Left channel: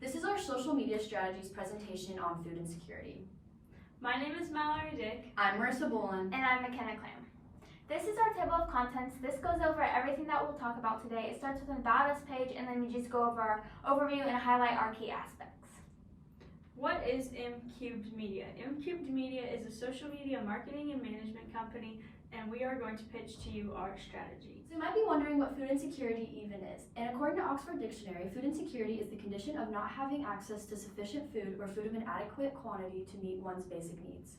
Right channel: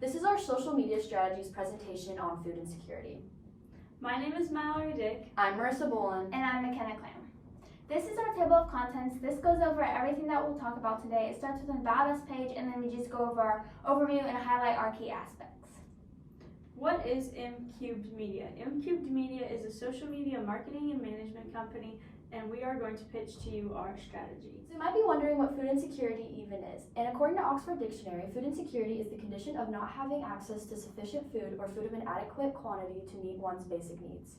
This is our social media strategies presentation on food insecurity. My name is Mallory Dick. I'm Marissa Boland. And I'm McKenna Clam. This is our table of contents. This goes over everything that we'll talk about today. It starts with an About Us page, and then we just go over our overview and highlight our key aspects. What is M-Cubed Media? M-Cubed Media is a social media marketing and management company, and we are going to pitch to you our strategy. So you might be wondering what food insecurity even is. And according to Oxford Dictionary, food insecurity is the condition of not having access to sufficient food or food of an adequate quantity to meet one's basic needs.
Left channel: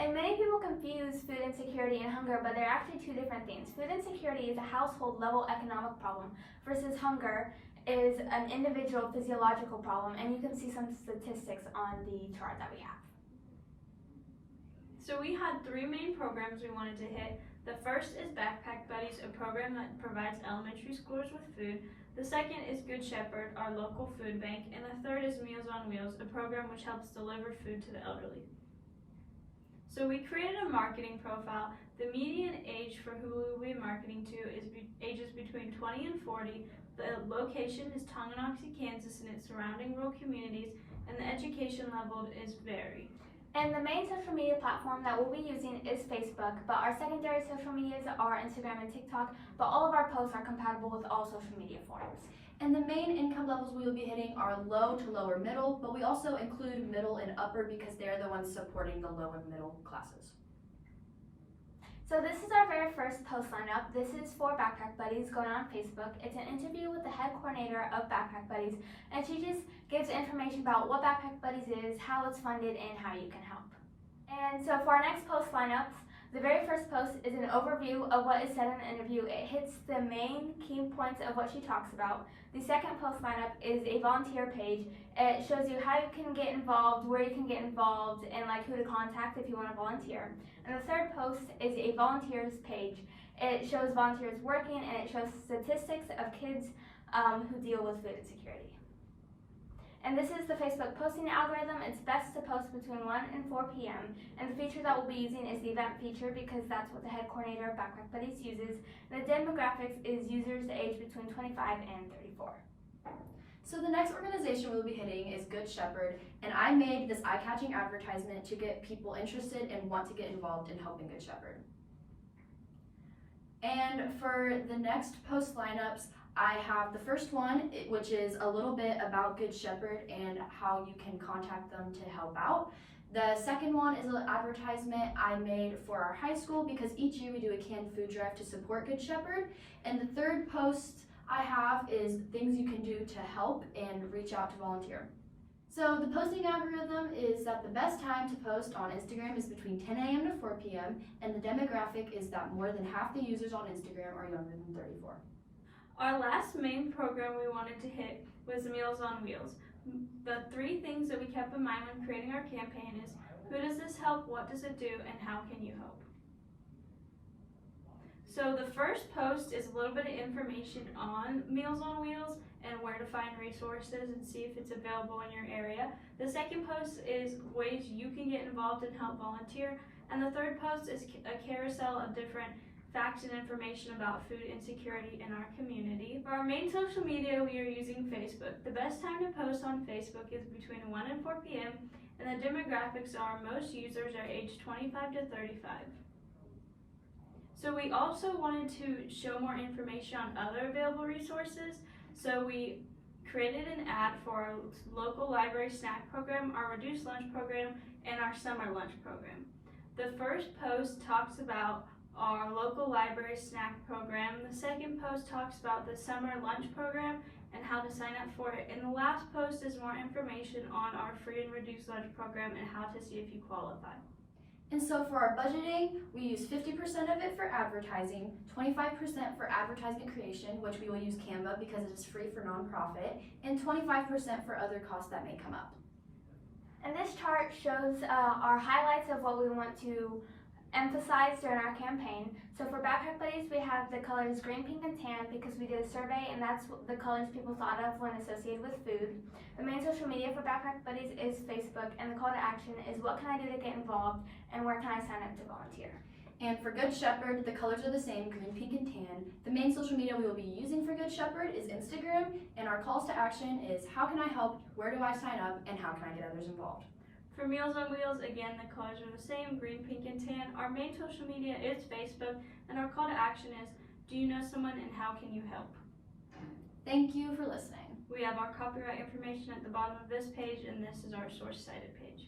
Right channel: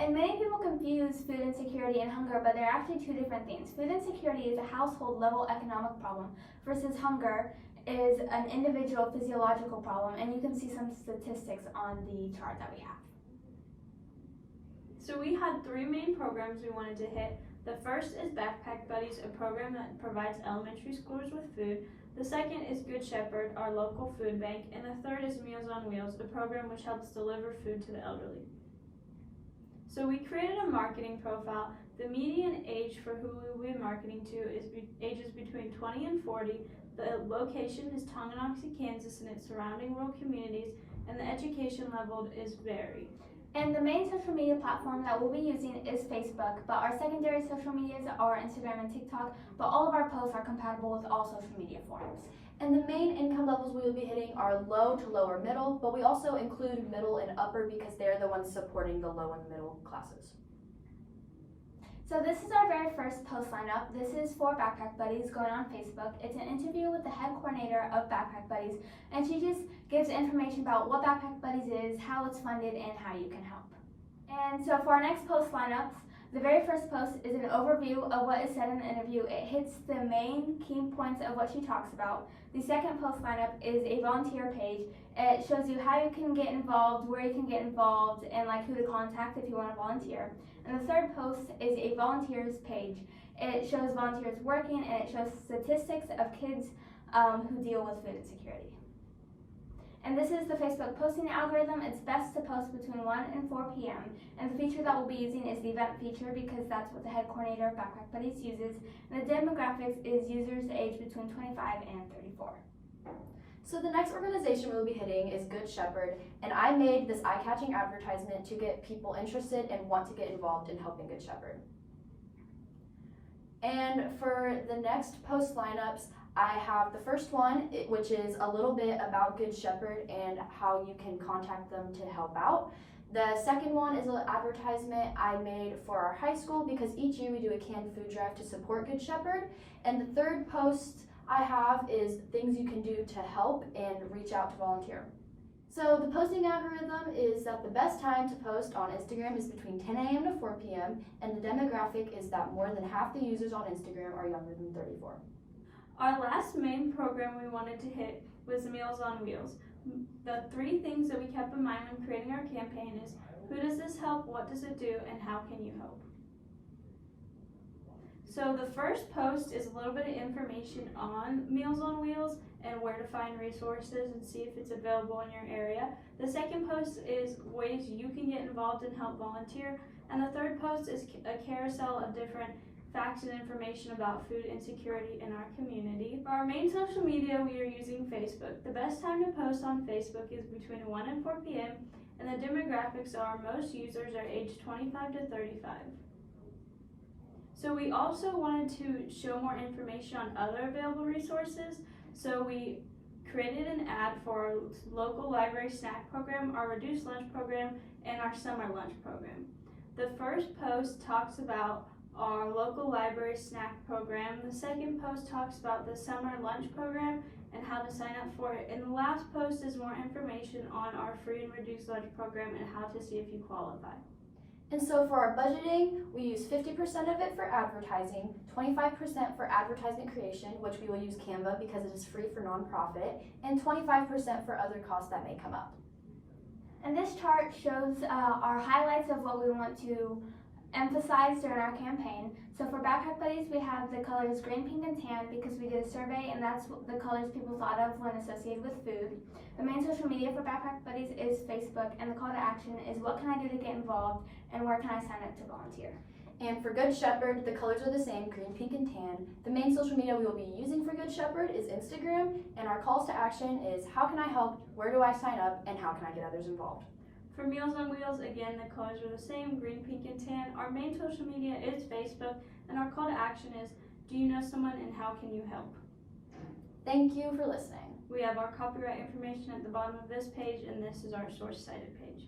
And many people confuse food insecurity and hunger, but they're actually two different things. Food insecurity is a household level economic problem versus hunger is an individual physiological problem, and you can see some statistics on the chart that we have. So we had three main programs we wanted to hit. The first is Backpack Buddies, a program that provides elementary schoolers with food. The second is Good Shepherd, our local food bank. And the third is Meals on Wheels, a program which helps deliver food to the elderly. So we created a marketing profile. The median age for who we'll be marketing to is ages between 20 and 40. The location is Tonganoxie, Kansas, and its surrounding rural communities, and the education level is varied. And the main social media platform that we'll be using is Facebook, but our secondary social medias are Instagram and TikTok, but all of our posts are compatible with all social media forms. And the main income levels we will be hitting are low to lower middle, but we also include middle and upper because they're the ones supporting the low and middle classes. So this is our very first post lineup. This is for Backpack Buddies going on Facebook. It's an interview with the head coordinator of Backpack Buddies, and she just gives information about what Backpack Buddies is, how it's funded, and how you can help. And so for our next post lineups, the very first post is an overview of what is said in the interview. It hits the main key points of what she talks about. The second post lineup is a volunteer page. It shows you how you can get involved, where you can get involved, and like who to contact if you want to volunteer. And the third post is a volunteers page. It shows volunteers working, and it shows statistics of kids who deal with food insecurity. And this is the Facebook posting algorithm. It's best to post between 1 and 4 p.m. And the feature that we'll be using is the event feature because that's what the head coordinator of Backpack Buddies uses. And the demographics is users aged between 25 and 34. So the next organization we'll be hitting is Good Shepherd, and I made this eye-catching advertisement to get people interested and want to get involved in helping Good Shepherd. And for the next post lineups, I have the first one, which is a little bit about Good Shepherd and how you can contact them to help out. The second one is an advertisement I made for our high school because each year we do a canned food drive to support Good Shepherd. And the third post I have is things you can do to help and reach out to volunteer. So the posting algorithm is that the best time to post on Instagram is between 10 a.m. to 4 p.m. and the demographic is that more than half the users on Instagram are younger than 34. Our last main program we wanted to hit was Meals on Wheels. The three things that we kept in mind when creating our campaign is who does this help, what does it do, and how can you help? So the first post is a little bit of information on Meals on Wheels and where to find resources and see if it's available in your area. The second post is ways you can get involved and help volunteer. And the third post is a carousel of different facts and information about food insecurity in our community. For our main social media, we are using Facebook. The best time to post on Facebook is between 1 and 4 p.m. and the demographics are most users are aged 25 to 35. So we also wanted to show more information on other available resources. So we created an ad for our local library snack program, our reduced lunch program, and our summer lunch program. The first post talks about our local library snack program. The second post talks about the summer lunch program and how to sign up for it. And the last post is more information on our free and reduced lunch program and how to see if you qualify. And so for our budgeting, we use 50% of it for advertising, 25% for advertisement creation, which we will use Canva because it is free for nonprofit, and 25% for other costs that may come up. And this chart shows our highlights of what we want to emphasize during our campaign. So for Backpack Buddies, we have the colors green, pink, and tan because we did a survey and that's what the colors people thought of when associated with food. The main social media for Backpack Buddies is Facebook, and the call to action is what can I do to get involved and where can I sign up to volunteer. And for Good Shepherd, the colors are the same, green, pink, and tan. The main social media we will be using for Good Shepherd is Instagram, and our calls to action is how can I help, where do I sign up, and how can I get others involved. For Meals on Wheels, again, the colors are the same, green, pink, and tan. Our main social media is Facebook, and our call to action is, do you know someone and how can you help? Thank you for listening. We have our copyright information at the bottom of this page, and this is our source cited page.